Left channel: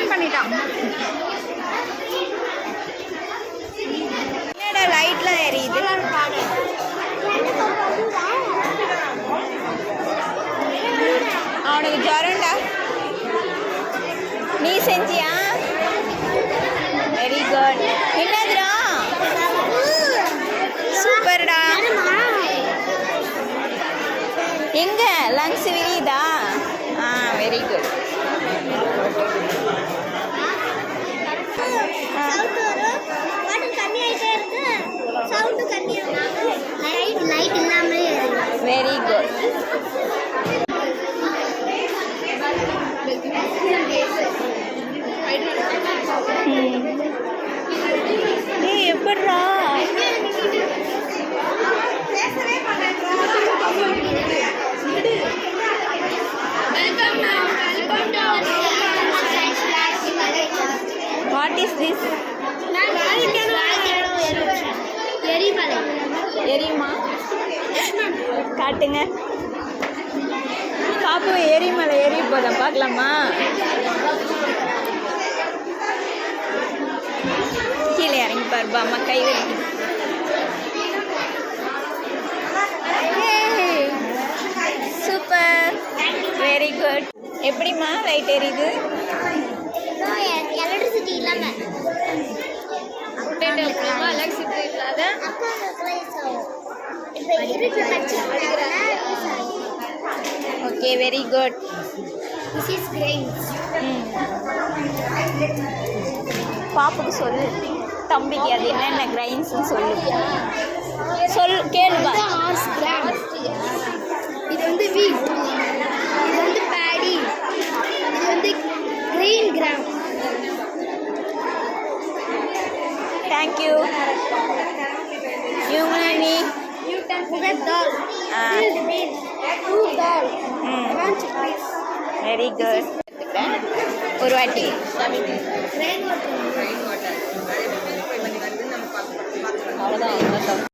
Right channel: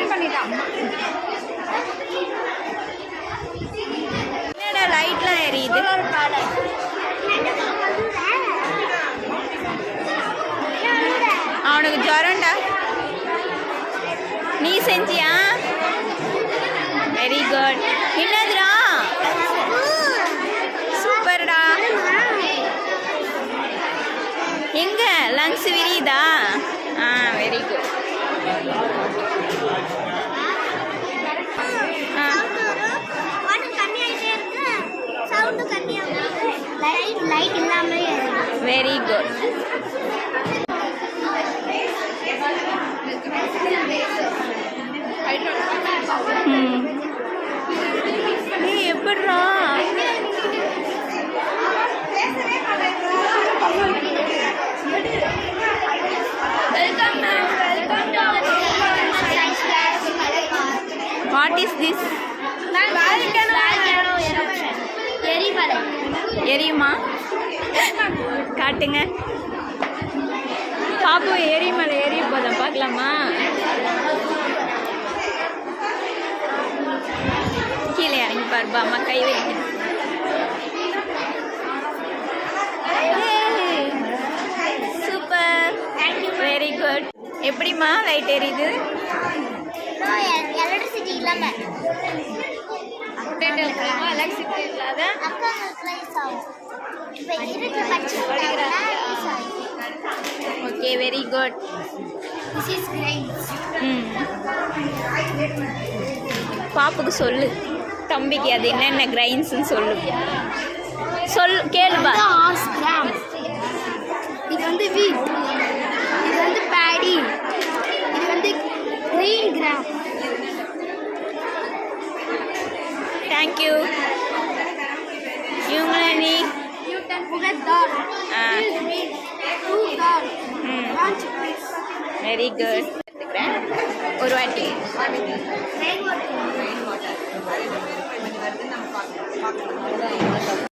On பண்ணிட்டான். என்னடா லைட்லாம் எரியுது? அவனுக்கு ஜுரம்டா. நீ செஞ்சியா? Very good. என்னதுடா? சூப்பர்டா. எங்க லங்ஸ் விரியுதா? Very good. Very good. ஏய் எப்படிடா? What is this? எரியுமா? காட்டுங்க. பாப்பு எரிமலை எரிய போதான் பார்க்கலாமா? கீழே இறங்கி பாருப்பா, அம்மா கை வலிக்குது. Super, very good. எப்படிம்மா லைட் எரியுது? Okay, very good. பாப்புக்கு சொல்லு, தம்பிக்கு அது என்னென்ன கிரைன்ஸ்ன்னு சொல்லு. கேளுப்பா. இது வந்து வீட், இது வந்து பேடி, இது வந்து கிரெயின் கிராம். தேங்க்யூ. இவங்க தால், வெரி குட். ஒரு வாட்டி அவ்வளோதான்.